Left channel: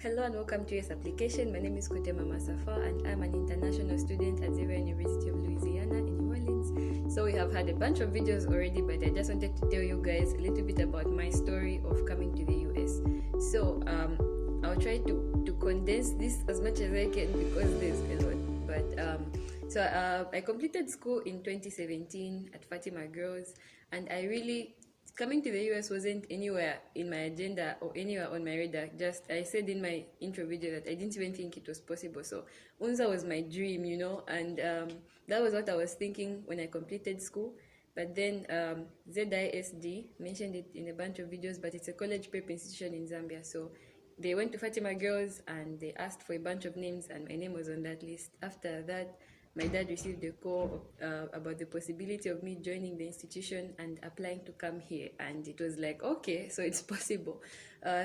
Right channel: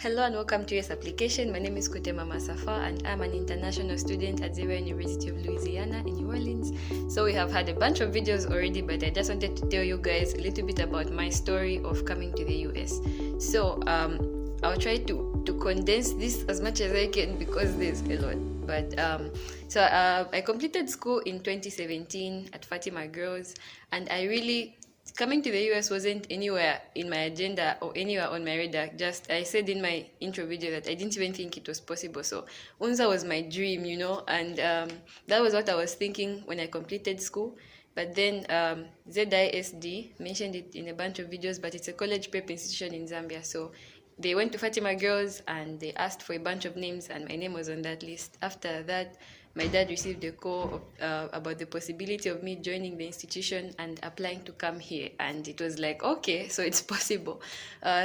Hello and welcome to this application. My name is Kutemwa Masafwa and I'm an international student at Zambia University of Louisiana in New Orleans. So we have had a bunch of videos already, but I just wanted to tell you guys a little bit about my story of coming to the US. So I'll try to condense this as much as I can because there's a lot. But I completed school in 2017 at Fatima Girls, and coming to the US wasn't anywhere in my agenda or anywhere on my radar. Just I said in my intro video that I didn't even think it was possible. So UNZA was my dream, and that was what I was thinking when I completed school. But then ZISD mentioned it in a bunch of videos, but it's a college prep institution in Zambia. So they went to Fatima Girls and they asked for a bunch of names, and my name was on that list. After that, my dad received a call about the possibility of me joining the institution and applying to come here, and it was like, okay, so it's possible.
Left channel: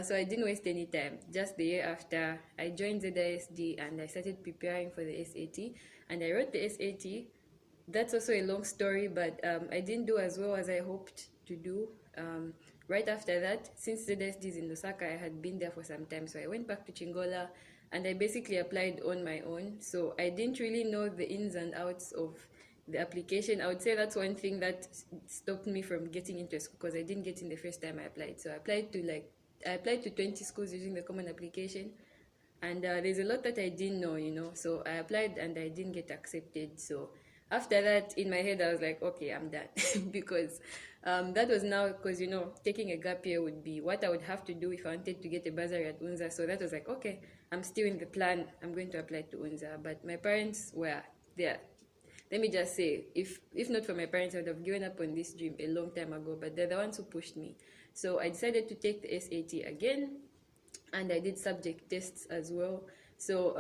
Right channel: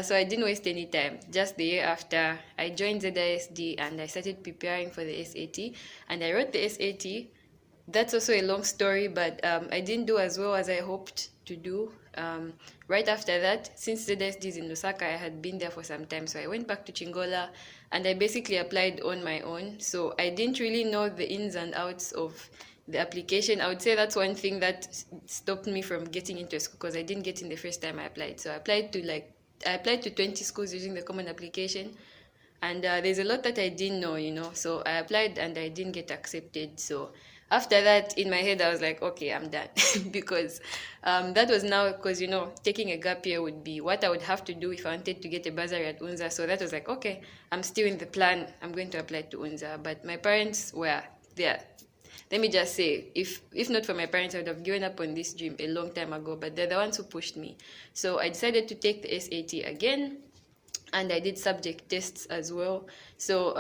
So I didn't waste any time. Just the year after, I joined ZISD and I started preparing for the SAT, and I wrote the SAT. That's also a long story, but I didn't do as well as I hoped to do. Right after that, since ZISD is in Lusaka, I had been there for some time, so I went back to Chingola and I basically applied on my own. So I didn't really know the ins and outs of the application. I would say that's one thing that stopped me from getting into a school, because I didn't get in the first time I applied. So I applied to 20 schools using the common application, and there's a lot that I didn't know, so I applied and I didn't get accepted. So after that, in my head, I was like, okay, I'm done. Because that was now, because, taking a gap year would be what I would have to do if I wanted to get a bursary at UNZA. So that was like, okay, I'm still in the plan. I'm going to apply to UNZA. But my parents were there. Let me just say, if not for my parents, I would have given up on this dream a long time ago. But they're the ones who pushed me. So I decided to take the SAT again. And I did subject tests as well. So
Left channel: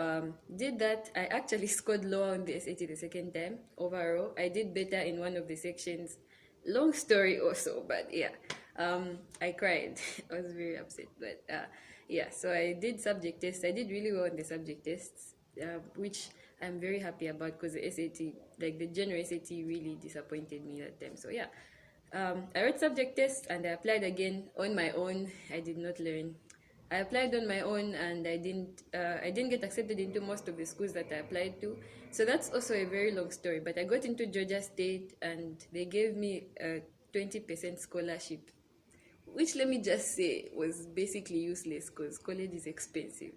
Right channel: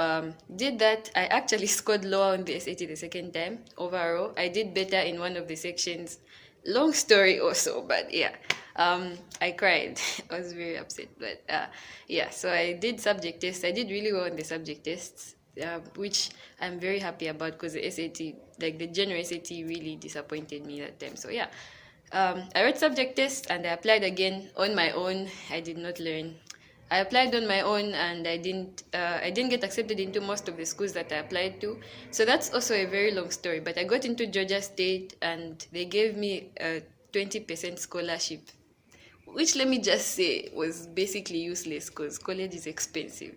did that. I actually scored lower on the SAT the second time overall. I did better in one of the sections. Long story also, but yeah. I cried. I was very upset, but yeah. So I did subject tests. I did really well in the subject tests, which I'm very happy about, because the SAT, like the general SAT, really disappointed me that time. So yeah. I wrote subject tests and I applied again on my own. I did not learn. I applied on my own and I didn't get accepted into most of the schools that I applied to. So that's also a very long story. But I got into Georgia State and they gave me a 20% scholarship, which, let me just say, was basically useless because college is expensive.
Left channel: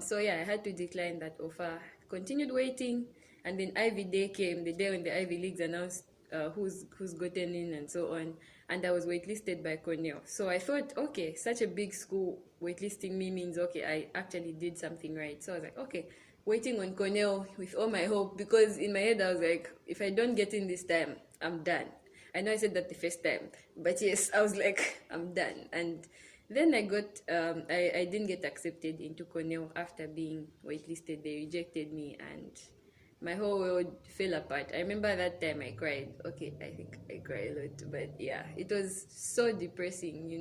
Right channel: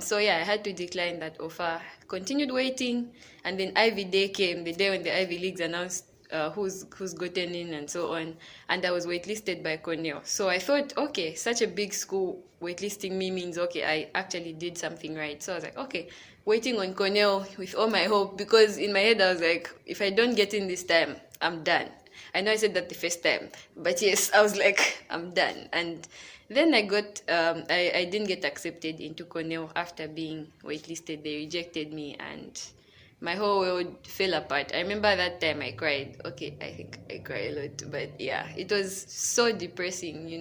So yeah, I had to decline that offer. Continued waiting, and then Ivy Day came, the day when the Ivy Leagues announced who's gotten in and so on, and I was waitlisted by Cornell. So I thought, okay, such a big school waitlisting me means, okay, I actually did something right. So I was like, okay, waiting on Cornell with all my hope, because in my head I was like, if I don't get in this time, I'm done. I know I said that the first time, but yes, I was like, I'm done. And then I didn't get accepted into Cornell after being waitlisted. They rejected me and my whole world fell apart. I remember that time I cried. Okay, I think I cried a lot, but yeah, it was so depressing,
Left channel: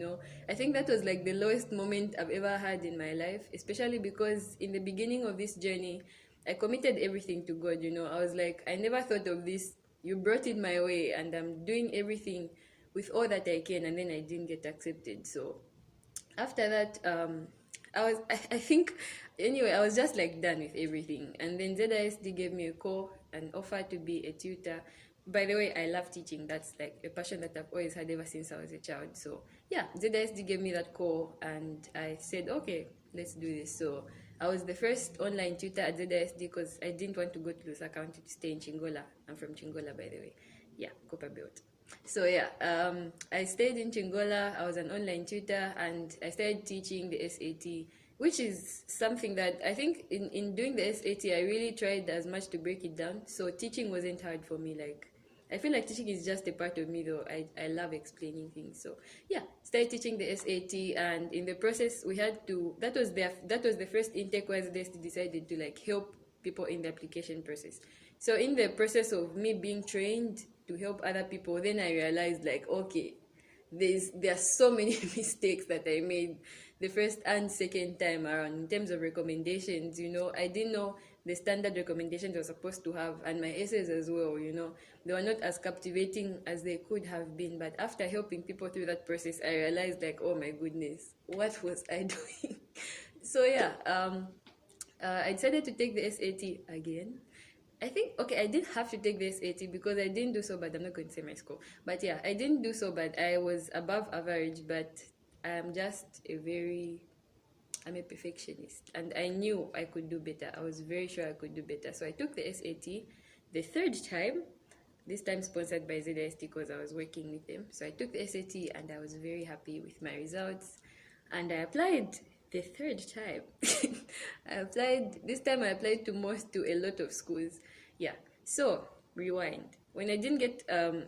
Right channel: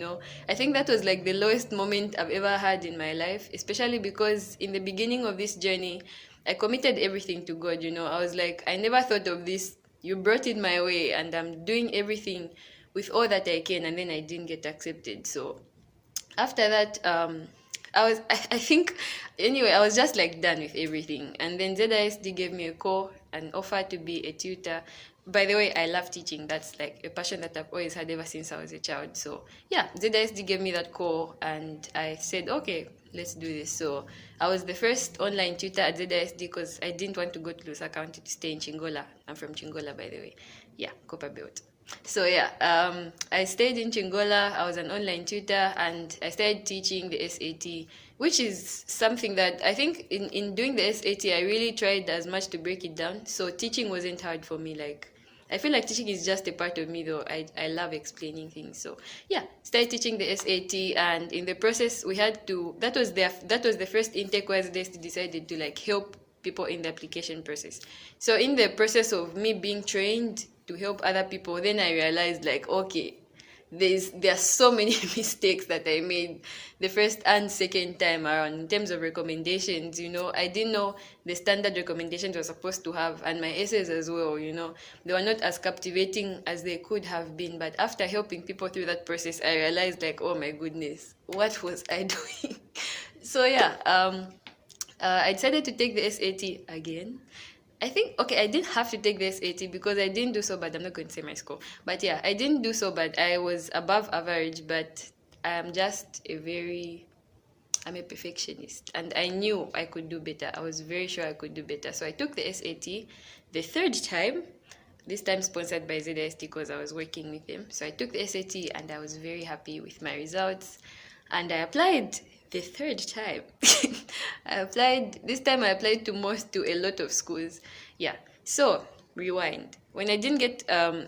I think that was like the lowest moment I've ever had in my life, especially because in the beginning of this journey, I committed everything to God, I was like, I never thought of this. You brought it my way and I'm doing everything with all that I can, and then I didn't get accepted. So after that, I think, anyway, I was just like done with everything. And then ZISD gave me a call and offered to be a tutor. By the way, I love teaching. That's like a passion that I've always had ever since I was a child. So yeah, ZISD gave me that call and I said, okay, let's do this. So I was the first online tutor at ZISD because I didn't want to go to Lusaka. I wanted to stay in Chingola. I'm from Chingola, by the way. Yeah, Copper Belt. So yeah, I stayed in Chingola. I was an online tutor and I started teaching the SAT, which is something that I think in doing the SAT, I really tried as much to break it down. So teaching wasn't hard for me. Like, I feel like teaching is just a part of me, though. I love explaining things. So yeah, started teaching the SAT, and in the process, we had to. That was the first intake where they decided to like help people in the application process. So in the process of me being trained to help other people, then I realized like, okay, there are so many mistakes that I made the first and second time around in terms of recommendations. I didn't know the standard recommendations were supposed to have, and my essays as well. They were not as captivating as they could have been. But after helping people through that process, I realized like, oh my goodness, what was I doing? So yeah, I decided to take the SAT again. I think, okay, I didn't have to take the SAT because I didn't do so bad. I'm not going to say my score, but yeah, I didn't do so bad. I was above average, but I'm just I'm a perfectionist, and I knew I could do better. I was very sure I could do better. So I took the SAT the third time, this time sponsored by ZST because I was working with them. So I took the SAT and I was very happy with my results. And I applied the third time. This time I applied to a lot of schools. Yeah. So, rewind. When I didn't get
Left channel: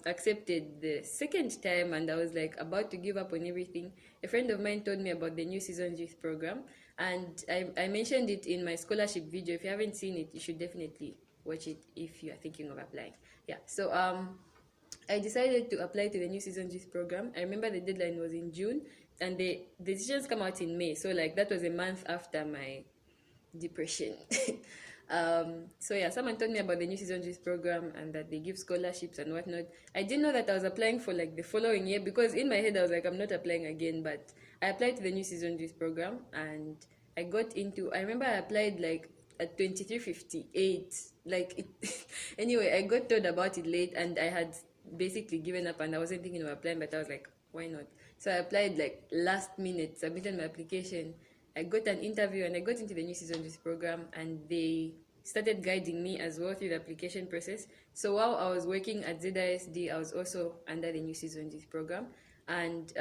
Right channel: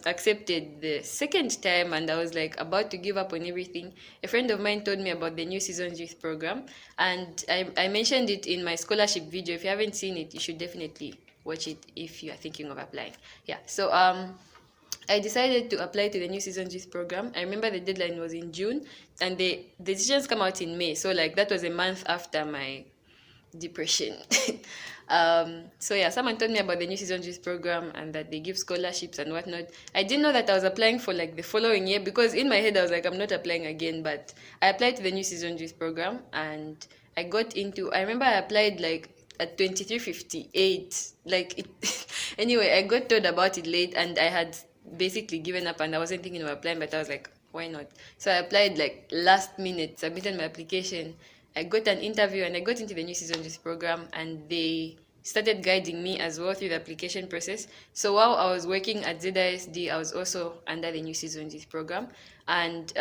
accepted the second time and I was like about to give up on everything, a friend of mine told me about the New Seasons Youth Program. And I mentioned it in my scholarship video. If you haven't seen it, you should definitely watch it if you are thinking of applying. Yeah. So, I decided to apply to the New Seasons Youth Program. I remember the deadline was in June, and the decisions come out in May. So like that was a month after my depression. So yeah, someone told me about the New Seasons Youth Program and that they give scholarships and whatnot. I didn't know that I was applying for like the following year because in my head I was like, I'm not applying again. But I applied to the New Seasons Youth Program and I got into. I remember I applied like at 23:58. Like it. Anyway, I got told about it late and I had basically given up and I wasn't thinking of applying, but I was like, why not? So I applied like last minute, submitted my application. I got an interview and I got into the New Season Youth Program, and they started guiding me as well through the application process. So while I was working at ZISD, I was also under the New Season Youth Program, and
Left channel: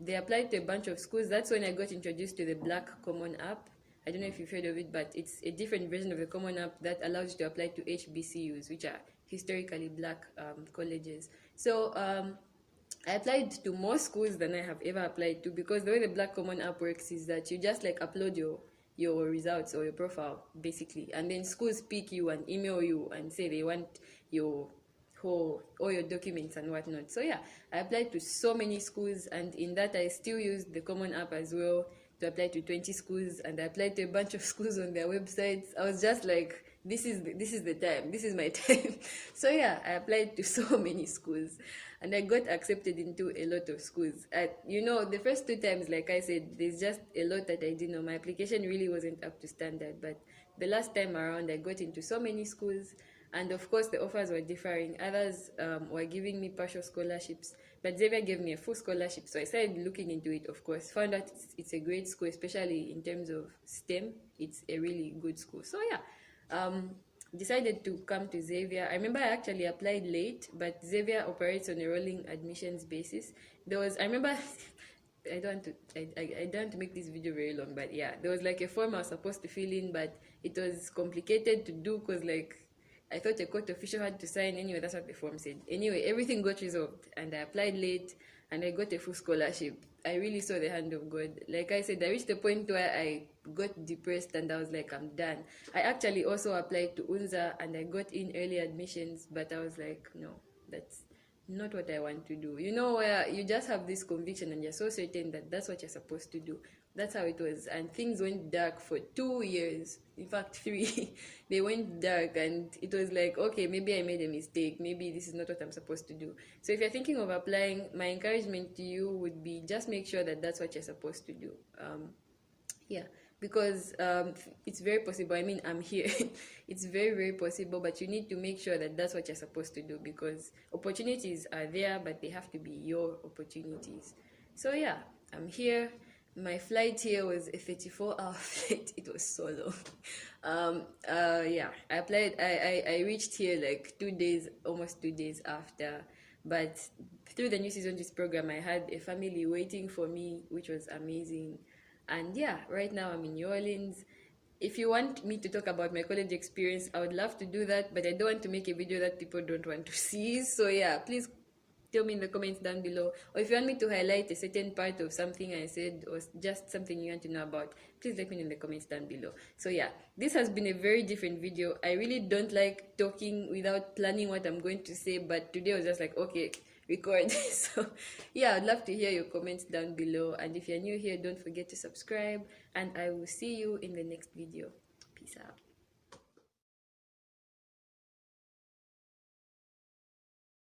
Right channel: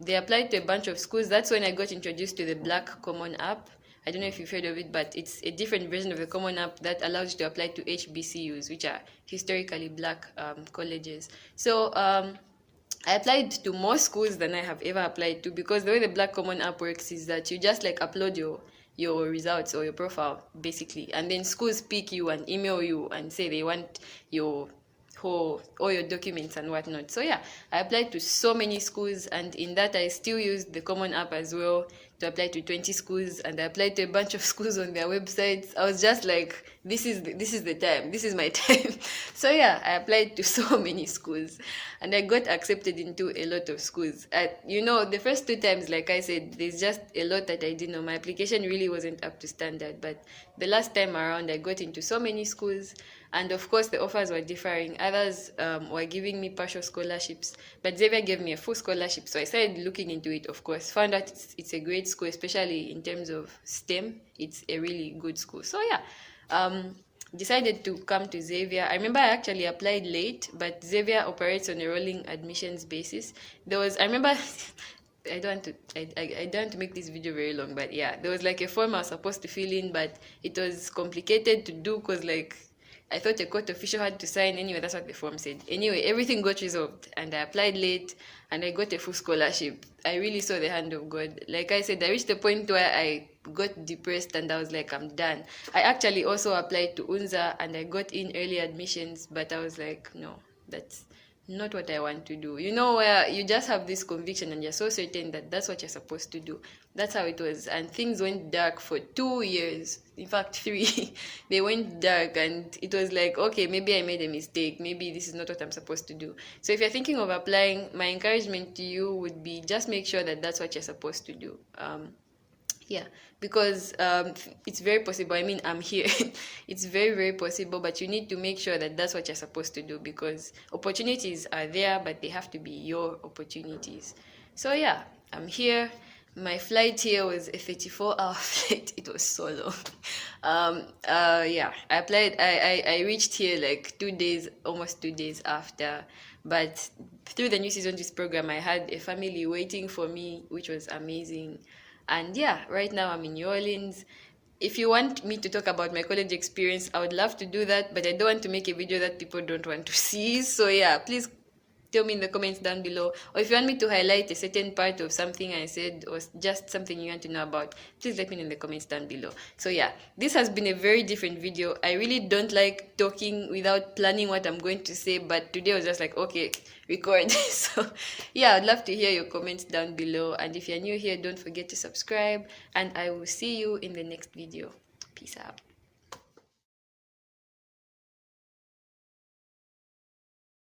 they applied to a bunch of schools. That's when I got introduced to the Black Common app. I don't know if you've heard of it, but it's a different version of the Common app that allows you to apply to HBCUs, which are historically black colleges. So I applied to more schools than I have ever applied to, because the way the Black Common app works is that you just like upload your results or your profile basically, and then schools pick you and email you and say they want your all your documents and whatnot. So yeah, I applied to so many schools, and in that I still used the Common app as well to apply to 20 schools, and I applied to a bunch of schools on their websites. I was just like, this is the time, this is my time. So yeah, I applied to so many schools and I got accepted into a lot of schools. The first two times, like I said, there's just a lot that I didn't know. My application really wasn't up to standard, but the last time around I got into so many schools. And of course, the offers were differing. Others were giving me partial scholarships, but Xavier gave me a full scholarship. So I started looking into it, of course. Found out it's a great school, especially in terms of STEM. It's a really good school. So yeah, decided to come to Xavier. I remember I actually applied late, but Xavier operates on a rolling admissions basis. I remember... I don't want to make this video very long, but yeah, there was like a form I was supposed to fill in, but it was complicated to do because like I thought a court official had to sign. Anyway, that's what the form said. Anyway, everything got resolved and I applied late and I got a full scholarship. I really saw the hand of God. Like I said, I reached the point where I got depressed and I was like, I'm done. I actually also applied to UNZA and I got in early admissions, but I was like, no, that's not what I want to do. Where you just have this conviction and you're so certain that that's what you're supposed to do. That's how it was. And things went dark for 2 years. In fact, 3. They went dark and it was like, okay, maybe I made a mistake. Maybe this is not what I'm supposed to do. So if you're thinking of applying, my encouragement to you would be just make sure that that's what you're supposed to do. Yeah, because it's very possible. I mean, I'm here. It's very, very possible, but you need to make sure that that's what you're supposed to do, because opportunities are there, but they have to be your opportunities. So yeah, I'm here. My flight here was a 34-hour flight. It was so long. Yeah, I applied. I reached here like 2 days, almost 2 days after. But through the New Season Youth Program, I had a family waiting for me, which was amazing. And yeah, right now I'm in New Orleans. If you want me to talk about my college experience, I would love to do that, but I don't want to make a video that people don't want to see. So yeah, please tell me in the comments down below. Or if you want me to highlight a certain part of something I said or just something you want to know about, please let me know in the comments down below. So yeah, this has been a very different video. I really don't like talking without planning what I'm going to say, but today I was just like, okay, record. So yeah, I'd love to hear your comments down below, and if you're new here, don't forget to subscribe, and I will see you in the next video. Peace out.